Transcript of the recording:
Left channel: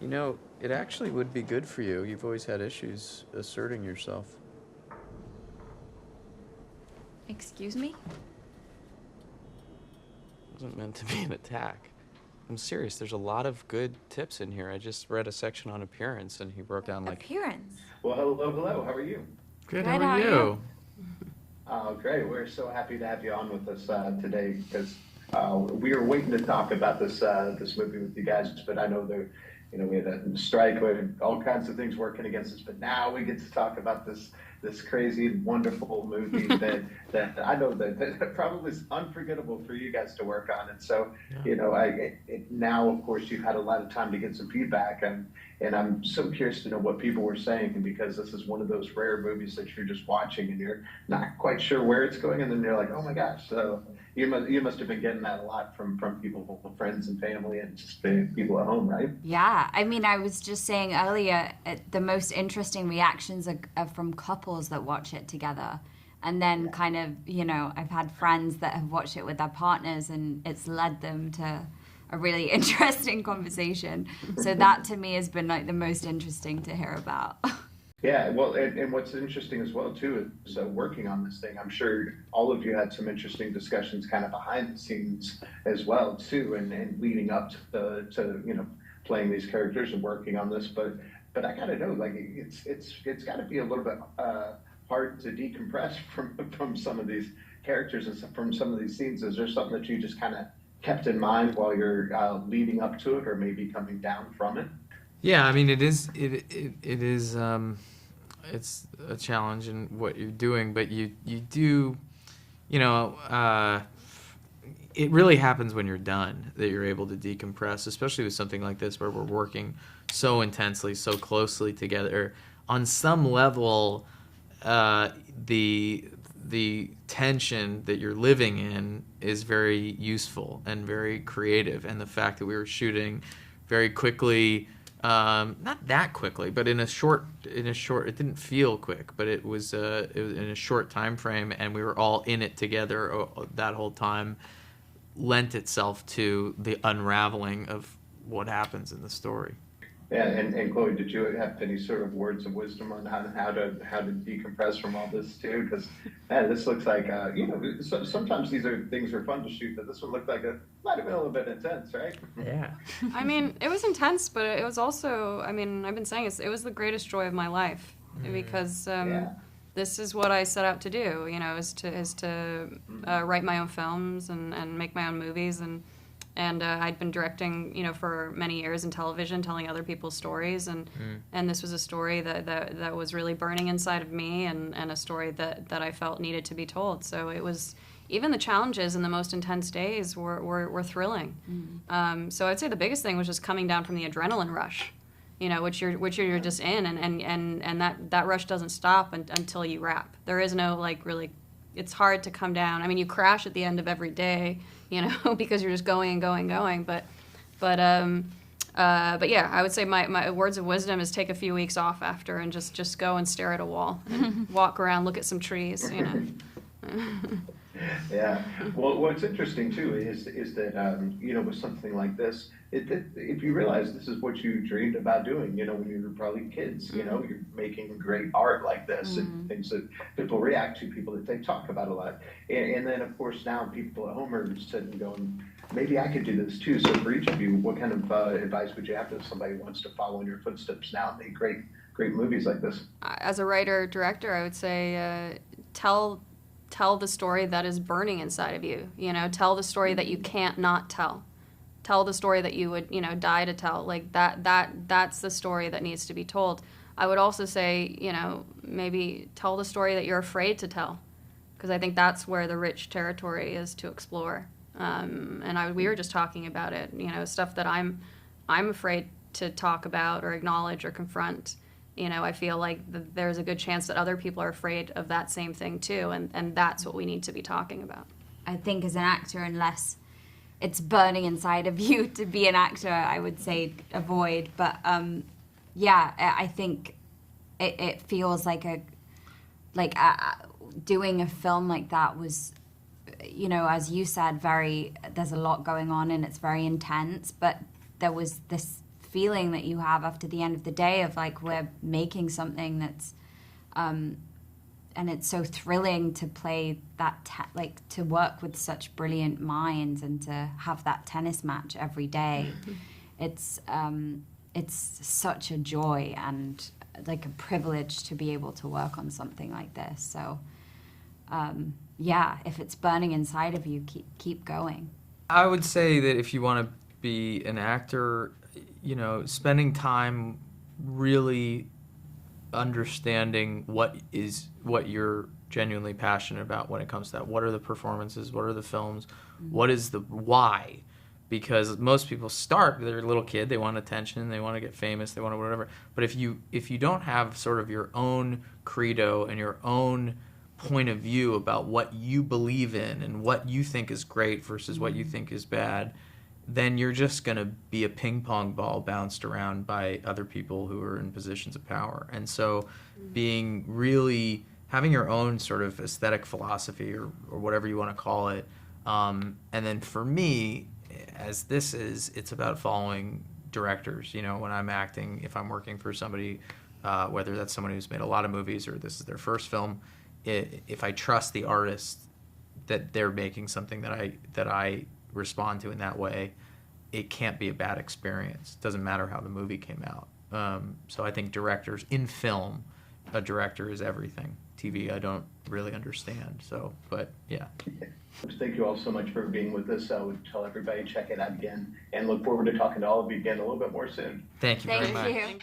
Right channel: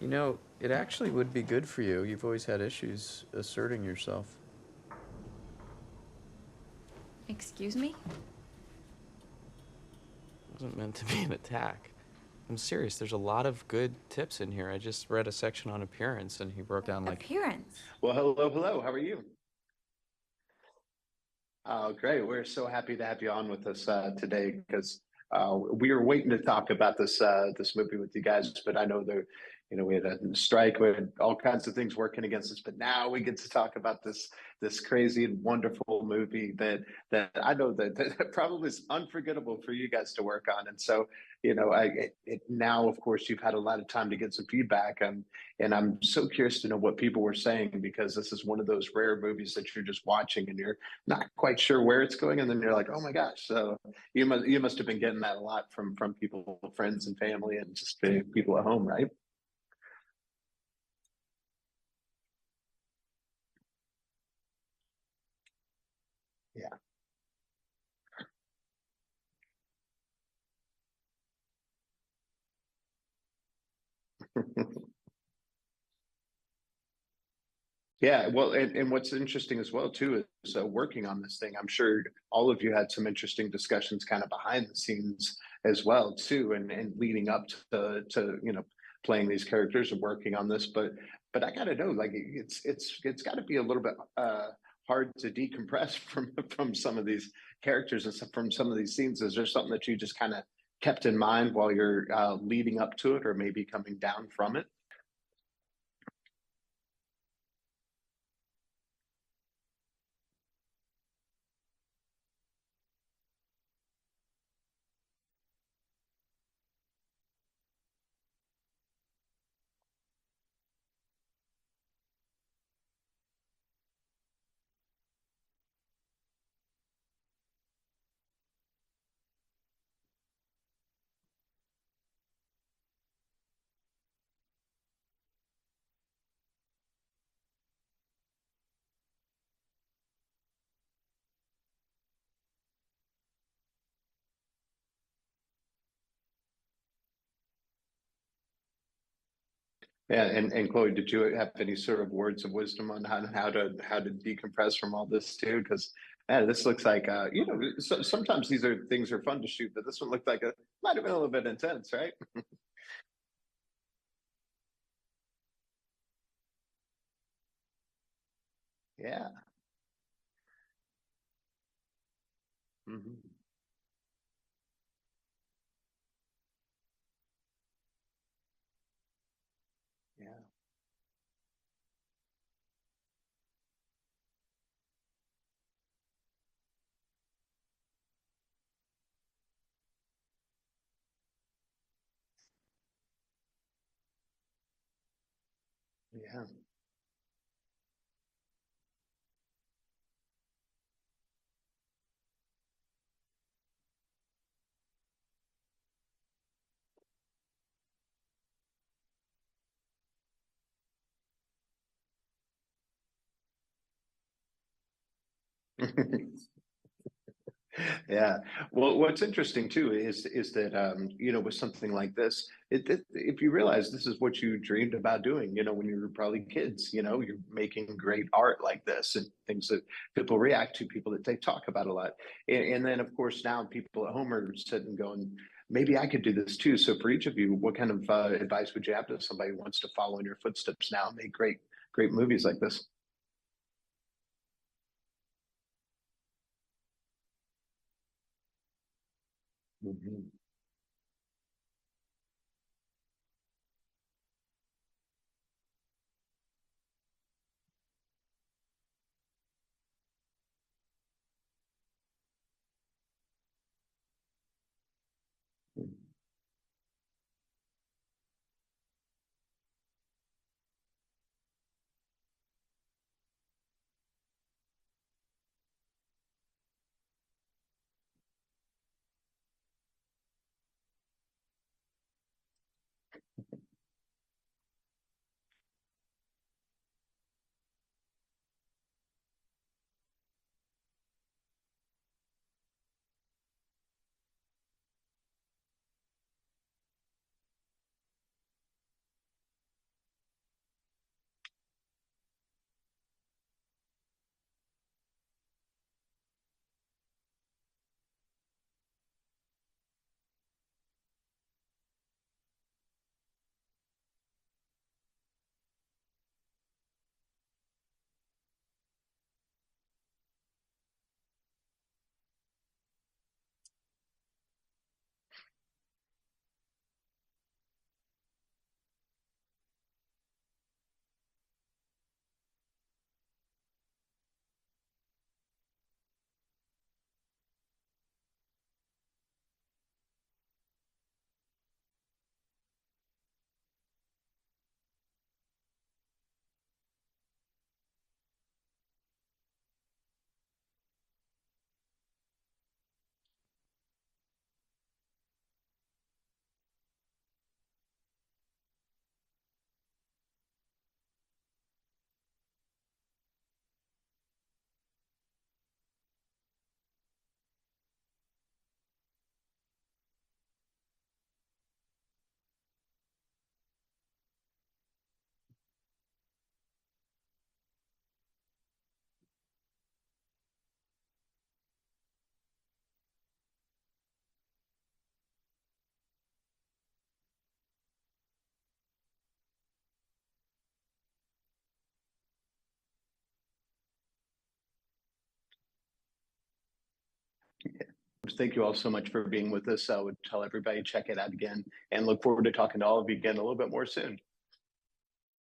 You know, it actually would be good for you. You've always had issues asserting yourself. Excuse me? It wasn't meant to be an attack. I'm serious. There's a lot of good tips in here. I just read a section on appearance, and he broke down like... Appearance. Well, hello, hello. How are you? Good, Good, how are you? Oh, great. We're so happy to have you on with us today because we were waiting to talk about this movie with you guys, but I know there, we had a strike, we had all kinds of things working against us, but now we get to talk about this crazy, wonderful movie that I know that probably is unforgettable for you guys to work on. And so, now, of course, you've had a lot of time to get some feedback, and I'm so curious to know what people were saying, because this is one of those rare movies that you're just watching and you're not quite sure where it's going, and then you're like, oh my gosh. So you must have been getting that a lot from people, friends and family, and just people at home, right? Yeah, I mean, I was just saying earlier, the most interesting reactions are from couples that watch it together. And then kind of, I've had friends that have watched it with their partners, and it's led them to a really interesting conversation. So that to me has been like the most interesting to hear about. Yeah, well, and what's interesting as well too is working on this thing. I'm sure all of you had some interesting discussions kind of behind the scenes as well too, and leading up to playing these characters and working on this. But I gotta know, like it's got to be a little bit hard to decompress from some of these characters and from some of these scenes. Is there something that you just kind of kept in mind while you're leading up to it, or maybe coming down from it? Yeah, I mean, it is it's a challenge in what you're doing, but you do, you know, it really happens when you're done that you're able to decompress, especially with something like this where we're working so intensely, so closely together. On some level, the tension that you're living in is very useful and very creative, and the fact that we were shooting very quickly, not that quickly, but in a short, it didn't feel quick, but it was in a short time frame, and we were all in it together that whole time, lent itself to the unraveling of what happens in the story. Yeah, and Chloe, did you have any sort of words of wisdom on how to decompress from all this too? Because man, this looks like sometimes things are fun to shoot, but this one looked like it might have been a little bit intense, right? Yeah. I mean, it was intense, but it was also, I mean, I've been saying it was the greatest joy of my life, because this is what I set out to do, is to write my own films and make my own movies, and I'd been directing, for many years in television, telling other people's stories, and this was a story that was really burning inside of me, and a story that I felt needed to be told. So it was, even the challenges and the most intense days were thrilling. So I'd say the biggest thing was just coming down from the adrenaline rush, which you're just in, and that rush doesn't stop until you wrap. There is no really, it's hard to come down. I mean, you crash at the end of every day, because you're just going and going and going. But yeah, I would say my words of wisdom is take a few weeks off after and just go and stare at a wall and walk around, look at some trees, Yeah. Well, what's interesting too is that with something like this, if you realize this is what you dreamed about doing, when you were probably kids, you're making great art like this and things that people react to, people that they talk about a lot, and then of course now people at home are sitting going, maybe I could do this too. So for each of you, what kind of advice would you have to somebody who wants to follow in your footsteps now and make great movies like this? As a writer director, I would say tell the story that is burning inside of you. Tell the story that you can't not tell. Tell the story that you would, die to tell. Like that's the story that needs to be told. I would also say, maybe tell the story that you're afraid to tell, because I think that's where the rich territory is to explore. We were just talking about it, stuff that I'm afraid to talk about or acknowledge or confront. I feel like there's a good chance that other people are afraid of that same thing too, and that's what we need to be talking about. I think as an actor, unless it's burning inside of you to be an actor, I would say avoid. But yeah, I think it feels like doing a film like that was, as you said, there's a lot going on and it's very intense, but there was this feeling that you have after the end of the day of like, we're making something that's, and it's so thrilling to play that, to work with such brilliant minds and to have that tennis match every day. It's such a joy and like a privilege to be able to work on something like this. So, yeah, if it's burning inside of you, keep going. I would say that if you want to be an actor, you know, spending time really understanding what you're genuinely passionate about when it comes to that. What are the performances? What are the films? What is the why? Because most people start, they're a little kid, they want attention, they want to get famous, they want whatever. But if you don't have sort of your own credo and your own point of view about what you believe in and what you think is great versus what you think is bad, then you're just going to be a ping pong ball bounced around by other people who are in positions of power. And so having your own sort of aesthetic philosophy or whatever you want to call it. And then for me, as it's about following directors. You know, when I'm acting, if I'm working for somebody, whether that's someone who's made a lot of movies or this is their first film, if I trust the artist that they're making something that I respond to in that way, it can't be a bad experience. It doesn't matter how the movie came out. So I think directors in film, a director is everything. TV, I don't really understand. So, but yeah. Thank you all so much for being with us. I would tell everybody check it out again and look forward to talking to all of you again a little bit more soon. Thank you very much. Thank you.